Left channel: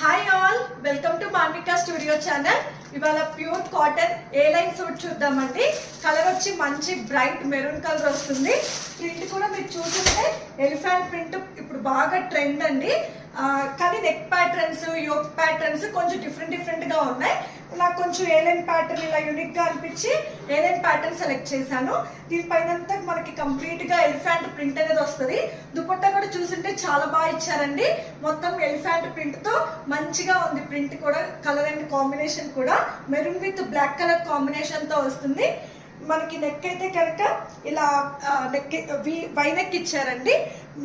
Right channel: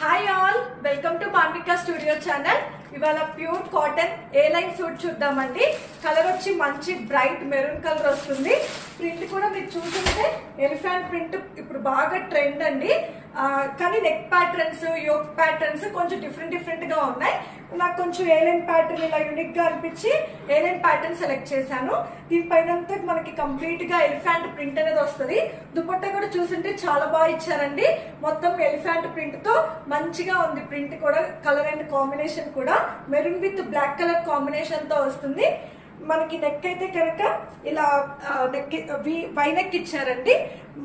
Hi all, welcome to Manvika studio channel. ఇవాళ pure cotton A line suit చూద్దామండి. Colour వచ్చి మంచి బ్రైట్ మెరూన్ కలర్ వస్తుంది. ప్రింట్ కూడా మీరు చూస్తుంటే ఎలిఫెంట్ ప్రింట్ ఇప్పుడు బాగా ట్రెండ్ అండి. కానీ నెక్ ప్యాటర్న్స్, యోక్ ప్యాటర్న్స్ కొంచెం డిఫరెంట్ గా ఉన్నాయి. నాకు కొంచెం ఏలైన్ ప్యాటర్న్ ఇలా యూనిక్ గా అనిపించి ఏలైన్ ప్యాటర్న్ సెలెక్ట్ చేశాను. దీనిపైన మనకి కంప్లీట్ గా ఎలిఫెంట్ ప్రింట్ అనేది వస్తుంది. దుపట్టా కూడా చూస్తుంటే చాలా బాగా ఇచ్చారండి. మొత్తం ఎలిఫెంట్ ప్రింట్ తో మంచిగా ఉంది. ప్రింట్ కూడా కలర్ అండ్ కాంబినేషన్ కూడా maroon with black colour combination తో వస్తుంది. మనకి నెక్ అయితే కనుక ఇలా నెక్ వై నెక్ ఇచ్చారండి.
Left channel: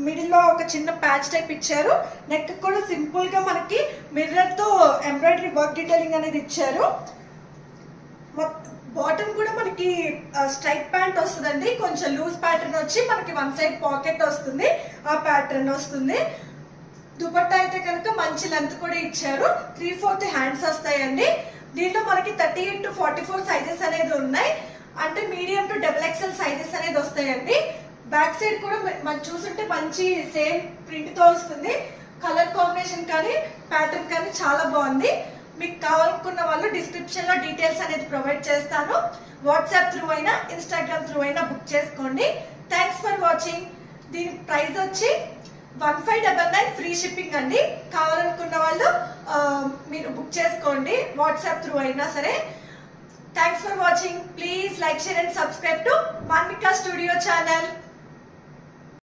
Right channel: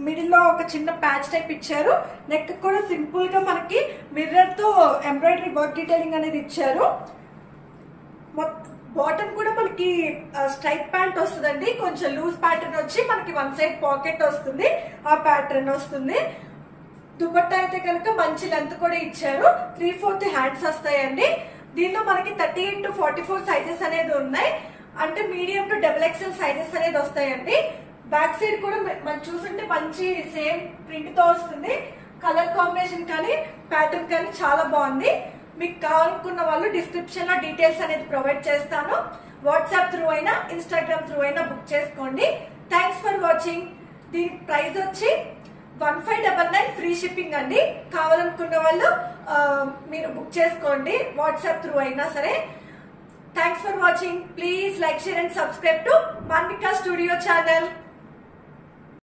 మిడిల్ లో ఒక చిన్న ప్యాచ్ టైప్ ఇచ్చారు. నెక్ కూడా సింపుల్ గా మనకి మిర్రర్ తో ఎంబ్రాయిడరీ వర్క్ డీటెయిలింగ్ అనేది ఇచ్చారు. బాటమ్ కూడా మనకి స్ట్రైట్ ప్యాంట్ వస్తుందండి. కొంచెం లూజ్ ప్యాటర్న్ వచ్చి మనకి వన్ సైడ్ పాకెట్ వస్తుంది, ఆ ప్యాటర్న్ వస్తుంది. దుపట్టా అయితే కనుక మంచి లెంత్ కూడా ఇచ్చారు. 3/4 హ్యాండ్స్ వస్తాయండి. దీనిలో మనకి 38 to 44 సైజెస్ అనేది ఉన్నాయి. అంటే మీడియం టు XXL సైజెస్ అనేది వస్తాయండి. బ్యాక్ సైడ్ కూడా మనం చూస్తుంటే మంచి సేమ్ ప్రింట్ తో వస్తుంది. కలర్ కాంబినేషన్ కానీ ప్యాటర్న్ కానీ చాలా బాగుంది. మీకు కావాలనుకున్న వాళ్ళు డిస్క్రిప్షన్ లో డీటెయిల్స్ అనేది ప్రొవైడ్ చేస్తాను. వాట్సాప్ త్రూ అయినా ఇన్స్టాగ్రామ్ త్రూ అయినా బుక్ చేసుకోండి. Thanks for watching. దీని ప్రైస్ వచ్చి 1599 ఫ్రీ షిప్పింగ్ అండి. కావాలనుకున్న వాళ్ళు మీరు బుక్ చేసుకోండి, వాట్సాప్ త్రూ అయినా సరే. Thanks for watching. Please like, share and subscribe to Manvika Studio channel.